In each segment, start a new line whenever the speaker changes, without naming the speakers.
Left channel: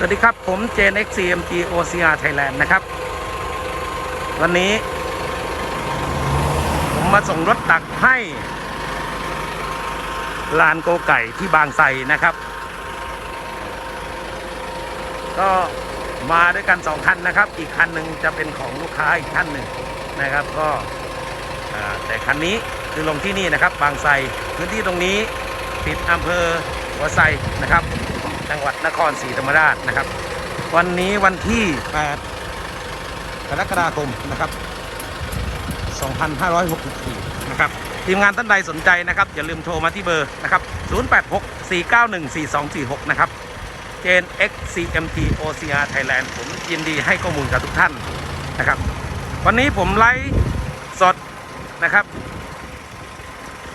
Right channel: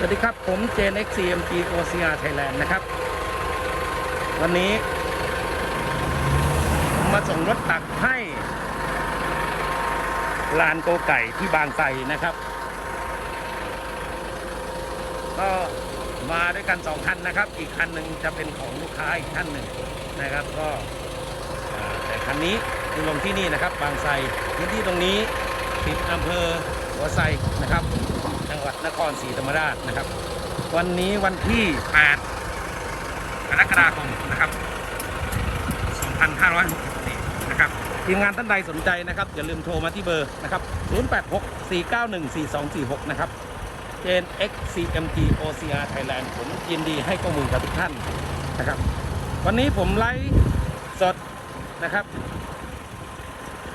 สวัสดีครับ ผมเจน XCMG OCR Thailand นะครับ วันนี้ ผมมาส่งรถตักให้ ลานโกไก่ที่บางไทรนะครับ ก็มาด้วยกันสองคันนะครับ อีกคันหนึ่งจะเป็นของลูกค้าอีกท่านหนึ่งนะครับ ก็แต่คันนี้คือลงที่นี่นะครับ บางไทรพื้นที่ตรงนี้ติดอำเภอหัวไซนะครับ จังหวัดนครศรีธรรมราชนะครับ วันนี้วันที่ 8 กรกฎาคมนะครับ 2564 นะครับ ทีมงานท่านใดสนใจนะครับ อย่าลืมโทรมาที่เบอร์นะครับ 086 491 4246 นะครับเจน XCMT OCR Thailand ผมยินดีให้ข้อมูลกับทุกท่านนะครับ วันนี้ผมไลฟ์สดนะครับ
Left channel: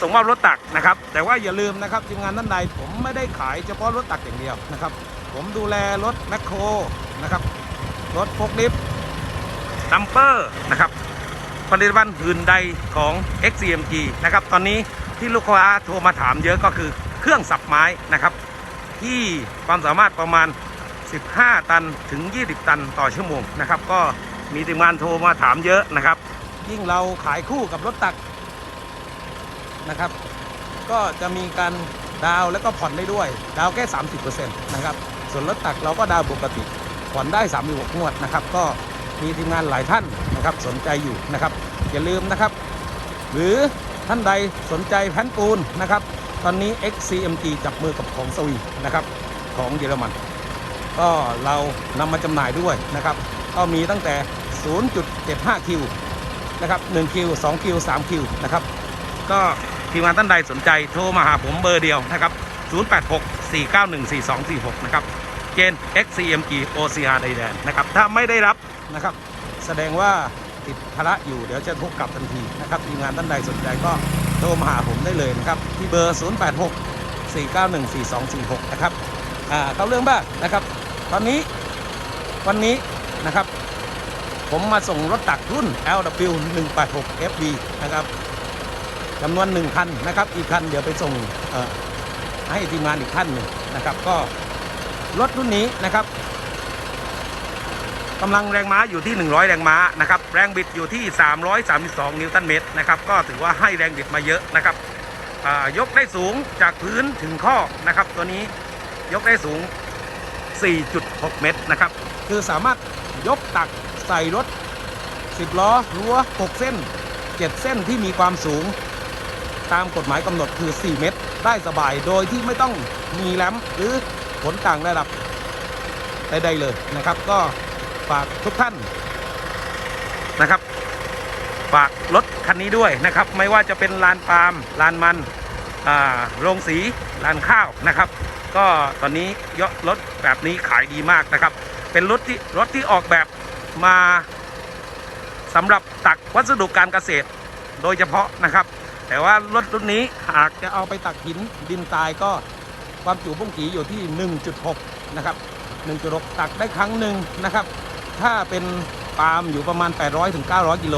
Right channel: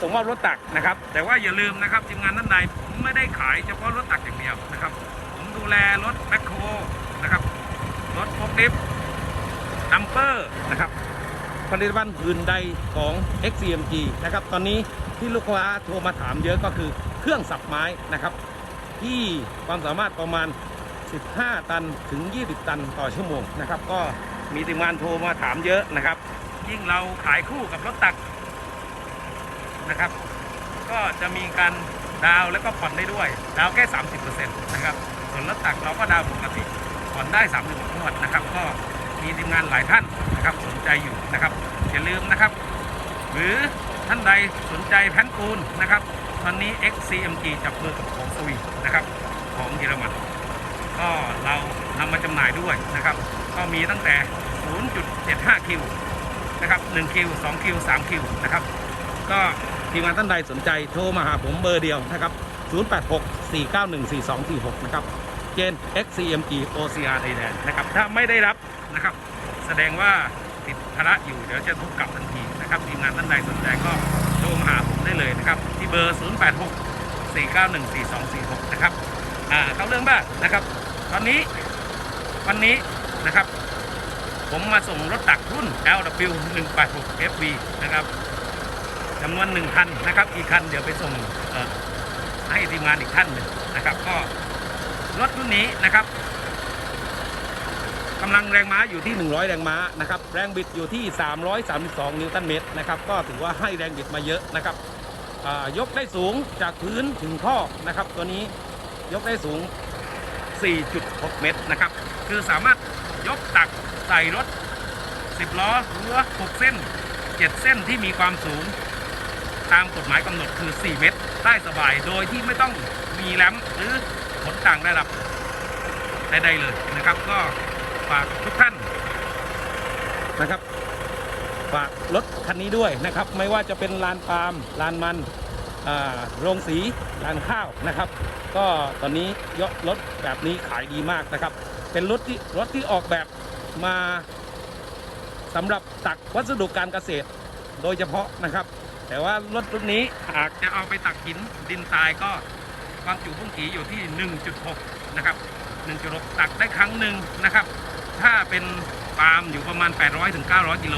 ส่งมอบรถตักนะครับ แต่ว่าอย่าลืมนะครับทีมงานท่านใดผมไม่ได้ขายเฉพาะรถตักอย่างเดียวนะครับ ผมดูแลรถแมคโครนะครับ รถโฟกลิฟต์ดัมเปอร์นะครับผลิตภัณฑ์อื่นใดของ XCMG นะครับ ตอนนี้ที่ลูกค้าโทรมาถามเยอะก็คือเครื่องสับไม้นะครับ ที่ความสามารถประมาณ 15 ตันถึง 20 ตันต่อชั่วโมงนะครับ ก็มีทีมงานโทรมาถามเยอะนะครับ ยิ่งเราขายคู่กับรถตัก นะครับ ก็จะมีการดาวแล้วก็ผ่อนได้ด้วย ดาวแค่ 30%นะครับส่วนรถตักเราก็ดาวปกติผ่อนได้3ามงวดนะครับ ก็มีทีมงานหลายท่านนะครับสนใจอยู่นะครับอย่าลืมนะครับ หรือท่านใดสนใจแผ่นปูนนะครับ ตอนนี้ XCMG จับมือกับของสวีนะครับของเยอรมัน ก็เรานำมาจำหน่ายด้วยนะครับ ก็มีตั้งแต่ 0.75 คิวนะครับ1คิว2คิว3คิวนะครับ ก็ ทีมงานท่านใดสนใจโทรมาหาผมเบอร์เดียวนะครับ 086 491 4246 นะครับเจน XCMG OCR ไทยแลนด์นะครับ ถ้าไม่ได้รับนะครับ แสดงว่าติดภาระอยู่เดี๋ยวจะโทรกลับทันทีนะครับ ทีมงานท่านใดสนใจก็โทรมาหาผมได้เลยนะครับ ที่เบอร์ 086 491 4246 นะครับอ่าเข้าเรื่องบ้างนะครับ ตอนนี้วันนี้นะครับ ผมมาส่งรถตักรุ่น LW 186 FV นะครับ จำนวนหนึ่งคันนะครับ อีกคันเดี๋ยวไปส่งให้ทีมงานอีกท่านหนึ่งนะครับ ก็รถรุ่นนี้นะครับกำลังแรงม้าอยู่ที่ 100 แรงม้านะครับ แรงบิดอยู่ที่ 332 นิวตันเมตรนะครับ ก็ถือว่าให้แรงบิดมาเยอะนะครับยกได้สูงจากพื้นถึงข้อนะครับ ตัวนี้ยกได้สูง 4.6 เมตรนะครับ คือสามารถยกตักใส่รถ 10 ล้อรั้ว 6 เส้น 7 เส้นที่มีความสูง ตามกฎหมายกำหนดคือ 4 เมตร ได้สบายโดยที่ไม่ต้องมีแรมหรือผลต่างระดับใดๆเลยนะครับ ก็ฝากทุกท่านนะครับ ฝากรถคันนี้ด้วยนะครับ ไม่ว่าจะเป็นลานปาล์มลานมันโรงสีลานข้าวนะครับ ก็ตอนนี้ยรถแบบนี้ขายดีมากนะครับ เป็นรถที่รถที่ออกแบบมาสำหรับตักวัสดุการเกษตร โดยเฉพาะนะครับ แต่ว่ารถรุ่นนี้หากจะเอาไปตักหินดินทรายก็ความจุพุ่งจีอยู่ที่ 1.6 นะครับ 1.6 ตักได้ครั้งหนึ่งนะครับ ถ้าเป็นปาล์มอยู่ประมาณ 800ถึง900 กิโล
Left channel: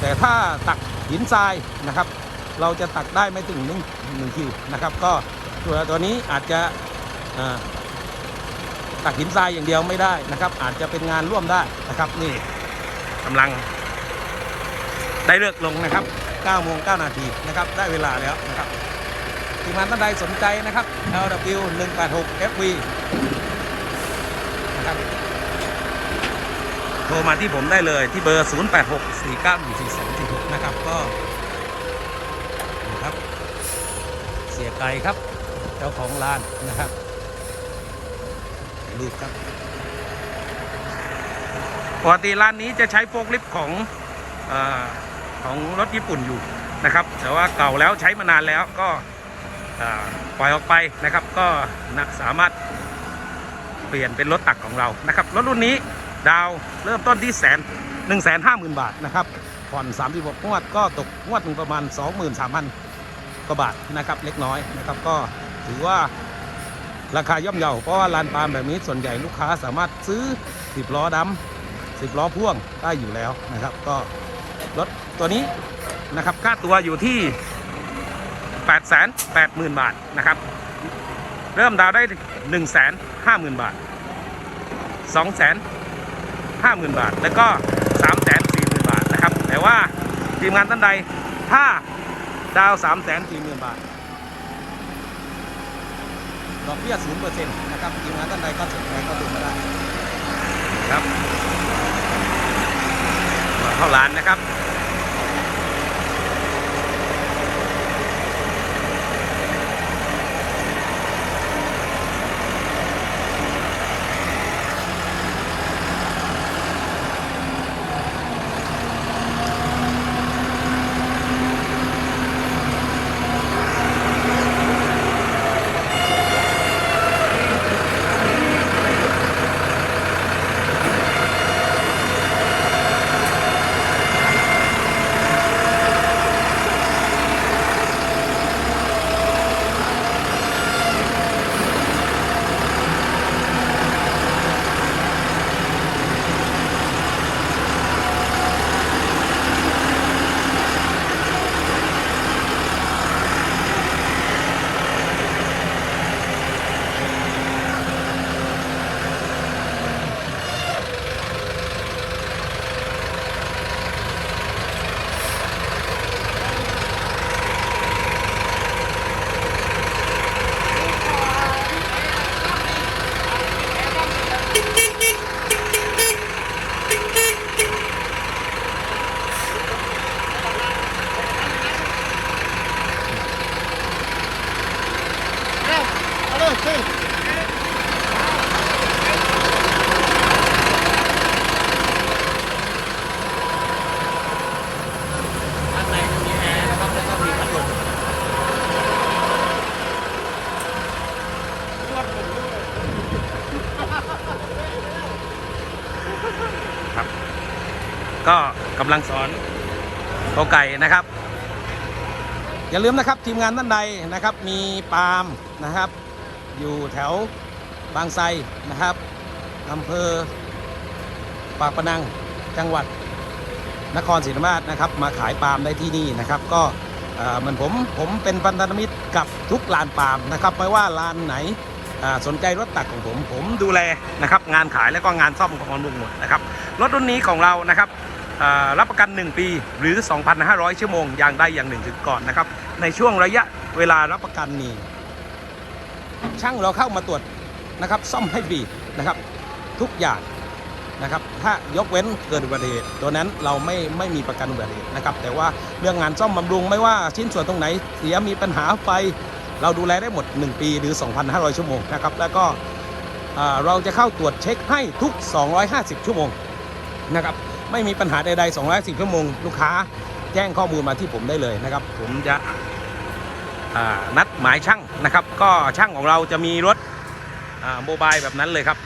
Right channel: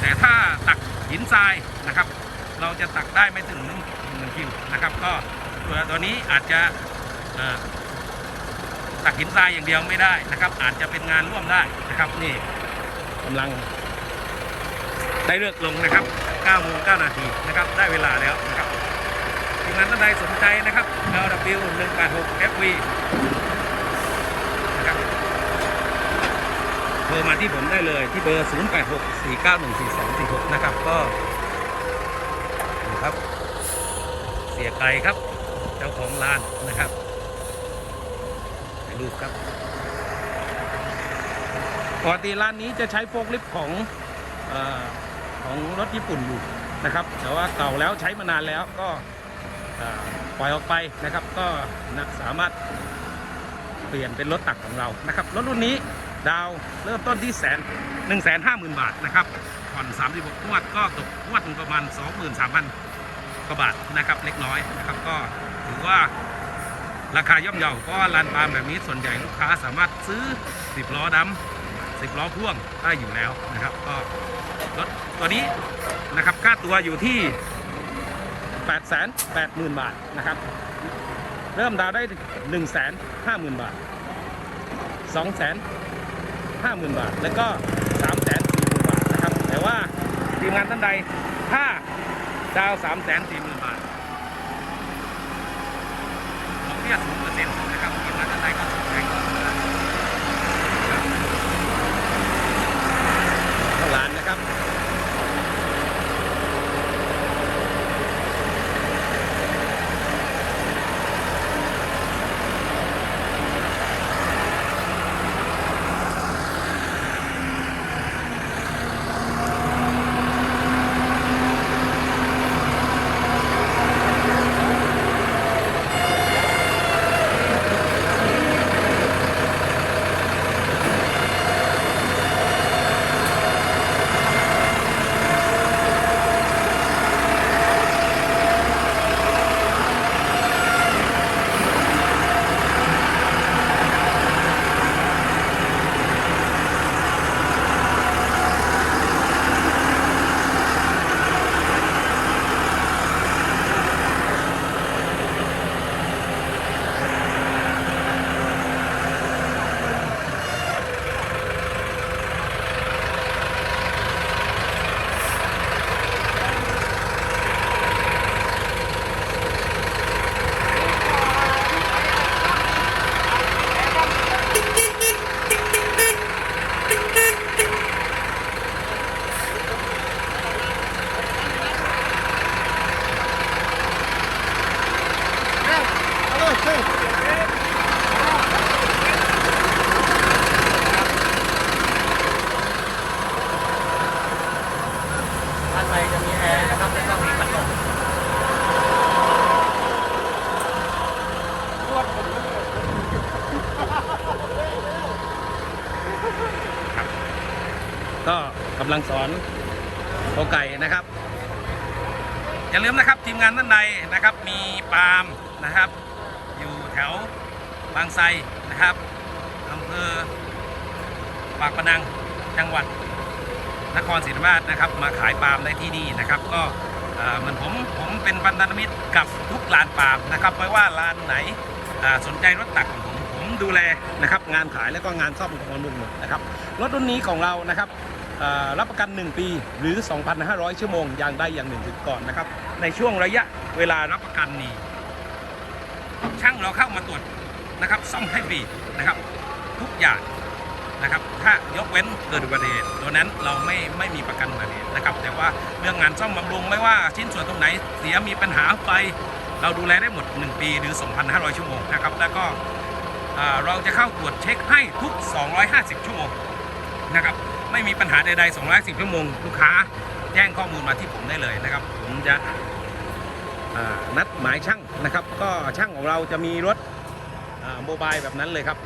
แต่ถ้าตักหินทรายนะครับ เราจะตักได้ไม่ถึง1 1คิวนะครับ ก็ตัวตัวนี้อาจจะตักหินทรายอย่างเดียวไม่ได้นะครับ อาจจะเป็นงานร่วมได้นะครับ นี่กำลัง ได้เลือกลงนะครับ9โมง9นาทีนะครับได้เวลาแล้วนะครับทีมงานท่านใดสนใจนะครับ LW 186 FV นะครับโทรมาที่ผมได้เลยที่เบอร์ 086 491 4246 นะครับก็นะครับ เสียไก่ครับ เจ้าของร้านนะครับถ่ายรูปครับปกติร้านนี้จะใช้โฟกลิฟต์ของ ของรถญี่ปุ่นอยู่นะครับ แต่ว่าเก่าแล้วใช้มานานแล้วก็ปล่อยออกไปนะครับ ก็สามารถเปลี่ยนเป็นรถตักของเรานะครับรถรุ่นนี้ดาวเริ่มต้นที่แสนหนึ่งแสนห้าหมื่นบาทนะครับผ่อน36งวดก็ตกงวดนึงประมาณ 23,000กว่าบาทนะครับเล็กน้อยนะครับก็ถือว่าราคาย่อมเยาเพราะว่าลานปาล์มแบบนี้ส่วนใหญ่ลูกค้าสามารถซื้อ 10 ล้อดำ10 ล้อพ่วงได้อยู่แล้วนะครับ ก็ รถตัวนี้นะครับค่าตัวอยู่ที่ 8 8 0 0 0 0 บาทนะครับ เริ่มดาวน์ได้ 1 5 0 0 0 0 บาท 2 5 0 0 0 0 บาท แล้วก็ 3 4 0 0 0 0 บาทนะครับ แต่ว่าทีมงานท่านใดถ้าดาว 3 4 0 0 0 0 บาทดอกเบี้ย0%นะครับทีมงานท่านใดก็สนใจก็สนใจครับเข้าร้านนะครับ ด้านในจะมีแอร์นะครับแล้วก็มีพัดลมครับ ก็กำลังสอนโอไก่นะครับ อย่าลืมนะครับทีมงานท่านใดนะครับ มีปาล์มนะครับ อยู่แถวบางไทรนะครับอำเภอปากพนังจังหวัดนครศรีธรรมราชนะครับ มาขายปาล์มได้ที่นี่นะครับ ก็เหมือนผมผมเป็นพันธมิตรกับทุกลานปาล์มนะครับไม่ว่าลานไหนสนใจรถตักของผมผมดูแลนะครับงานขายและก็งานซ่อมของบำรุงหมดนะครับรถรุ่นนี้ของเรานะครับรับประกัน 1 ปีหรือ 2,500 ชั่วโมงอย่างใดอย่างหนึ่งถึงก่อนนะครับในช่วงระยะเวลารับประกันนี้ ช่างเราเข้ามาตรวจนะครับ ซ่อมให้ฟรีนะครับ ทุกอย่างนะครับ ถ้ายกเว้นเกิดอุบัติเหตุตัวนั้นเราไม่ไม่มีประกันอุบัติเหตุนะครับ แต่ว่าเรื่องงานซ่อมบำรุงไม่ว่าชิ้นส่วนตรงไหนเสียมีปัญหาไฟเราดูแลได้หมด 1 ปีหรือ 2,500 ชั่วโมงนะครับ แล้วก็เราจะเข้าตรวจเช็คให้ทุก 250 ชั่วโมงนะครับ ไม่มีปัญหาใดๆ 250 ชั่วโมง ลูกค้าแจ้งข้อมูลมาที่ผมได้เลยนะครับ ผมจะ นัดหมายช่างนะครับ ก็ช่างของเราจะมีรถโมบายแบบนั้นเลยครับ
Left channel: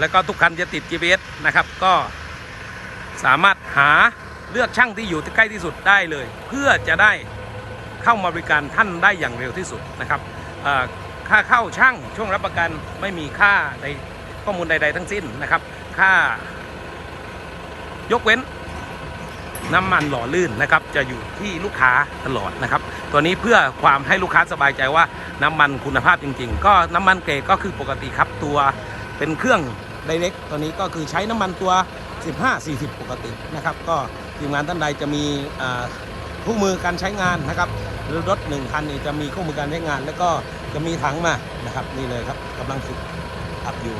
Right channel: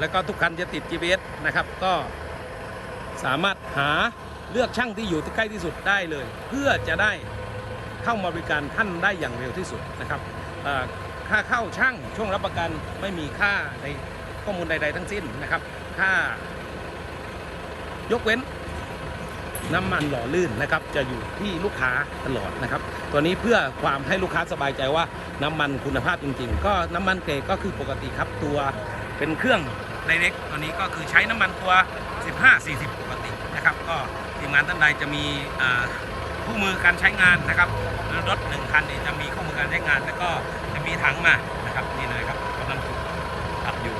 แล้วก็ทุกคันจะติด GPS นะครับ ก็สามารถหาเลือกช่างที่อยู่ใกล้ที่สุดได้เลย เพื่อจะได้เข้ามาบริการท่านได้อย่างเร็วที่สุดนะครับค่าเข้าช่างช่วงรับประกันไม่มีค่าในข้อมูลใด ๆ ทั้งสิ้นนะครับ ค่ายกเว้น น้ำมันหล่อลื่นนะครับจะอยู่ที่ลูกค้าตลอดนะครับ ตัวนี้เพื่อความให้ลูกค้าสบายใจว่าน้ำมันคุณภาพจริง ๆ ก็น้ำมันเกรดก็คือปกติครับตัวเป็นเครื่องไดเรกตัวนี้ก็คือใช้น้ำมันตัว 15-40 ปกตินะครับ ก็ทีมงานท่านใดจะมีอ่าคู่มือการใช้งานนะครับรถหนึ่งคันนี่จะมีคู่มือการใช้งาน แล้วก็จะมีถังมานะครับนี่เลยครับกำลังฝึกขับอยู่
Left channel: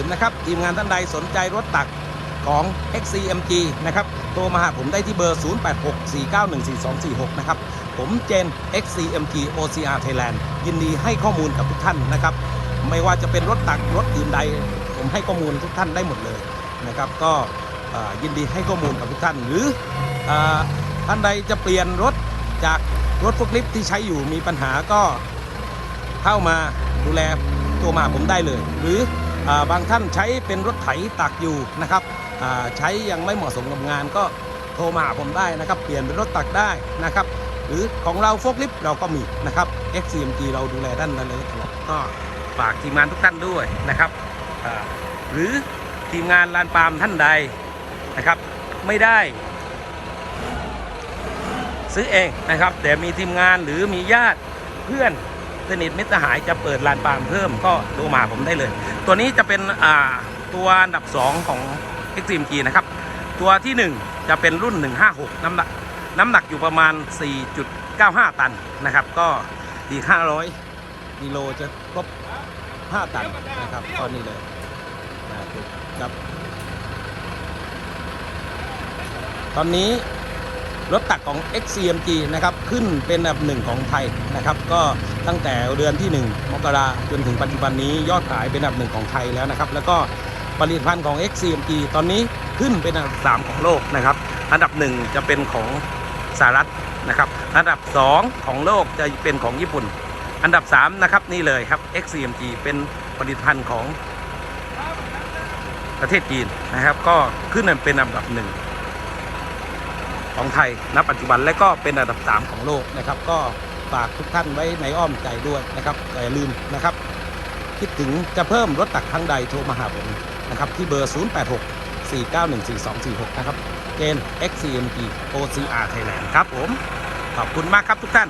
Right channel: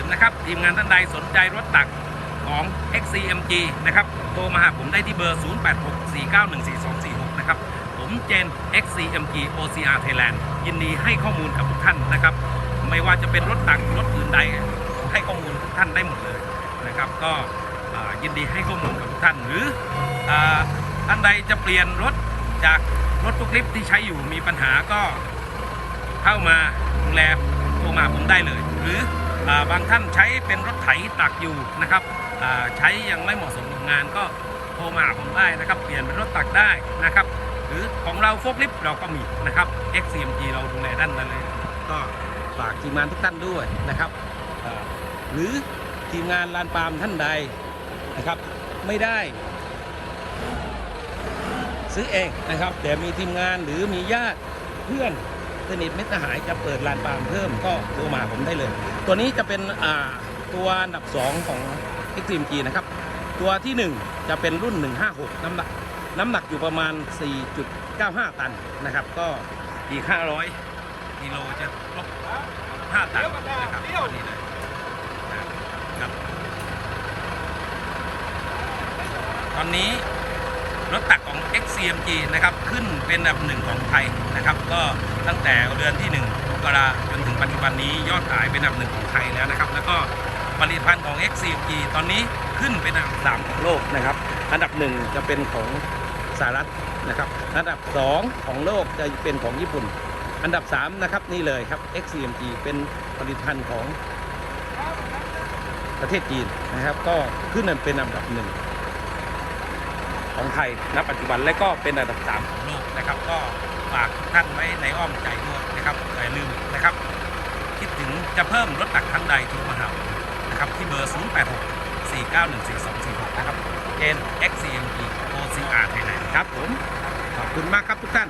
อย่าลืมนะครับ ทีมงานท่านใดสนใจรถตักของ XCMG นะครับ โทรมาหาผมได้ที่เบอร์ 0864914246 นะครับ ผมเจน XCMG OCR Thailand ยินดีให้ข้อมูลกับทุกท่านนะครับ ไม่ว่าจะเป็นรถตักรถอื่นใด ผมให้ข้อมูลทุกท่านได้หมดเลยนะครับ ก็ยินดีให้ข้อมูลกับทุกท่าน หรืออท่านใดจะเปลี่ยนรถจากรถฟุกลิฟที่ใช้อยู่มีปัญหาก็เข้ามาดูแลตัวมาหาผมได้เลย หรือ บางท่านใช้เป็นรถไถตักอยู่นะครับใช้ยังไม่เหมาะสมกับงานก็โทรมาหาผมได้นะครับ เปลี่ยนเป็นรถตักได้นะครับ หรือของเราโฟกลิฟเราก็มีนะครับ XCMG เราดูแลด้านนั้นเลย ก็ฝากทีมงานทุกท่านด้วยนะครับหรือทีมงานลานปาล์มท่านใดนะครับ ไม่ได้ ซื้อเองนะครับ แต่มีทีมงานหรือมีญาติเพื่อนสนิทมิตรสหายจะเปิดลานปาล์มเพิ่มก็โทรมาหาผมได้เลย ตัวนี้จะเป็นตัวอันดับ 2 ของ Extreme G นะครับ ตัวทีหนึ่1 จะเป็นรุ่น 156 น้ำหนักน้ำหนักอยู่ประมาณ 4.95 ตันนะครับ ก็อีก500กิโลจะครบ 5 ตันนะครับก็นี่เลยครับตอนนี้รถตักของ XCMG นะครับ ขึ้นเป็นอันดับหนึ่งของไทยนะครับ ก็ตั้งแต่เดือนที่ 1 กราจนถึงปัจจุบันนี้ยอดขายเป็นอันดับหนึ่งของไทยแล้วนะครับ แล้วก็ผลิตภัณฑ์ของ XCMG ตอนนี้ขึ้นเป็นอันดับ3ของโลกนะครับ อันดับ1จะเป็นของสหรัฐนะครับ อันดับ 2 ของโลกจะเป็นของญี่ปุ่น อันดับ 3 นะครับนี่เลยครับ XCMG เป็นผลิตภัณฑ์ของประเทศจีนนะครับ ก็ขึ้นเป็นอันดับหนึ่งของไทยณปัจจุบันและก็เป็นอันดับ 3 ของโลกนะครับก็ ฝากทุกท่านไว้ในอ้อมใจด้วยนะครับอย่าลืมนะครับ คิดถึงจะเพิ่มรถตักครั้งใดโทรมาหาผมนะครับที่เบอร์ 086 491 4246 นะครับ N XCMG OCR ไทยแลนด์ครับผม ขอบคุณมากครับทุกท่าน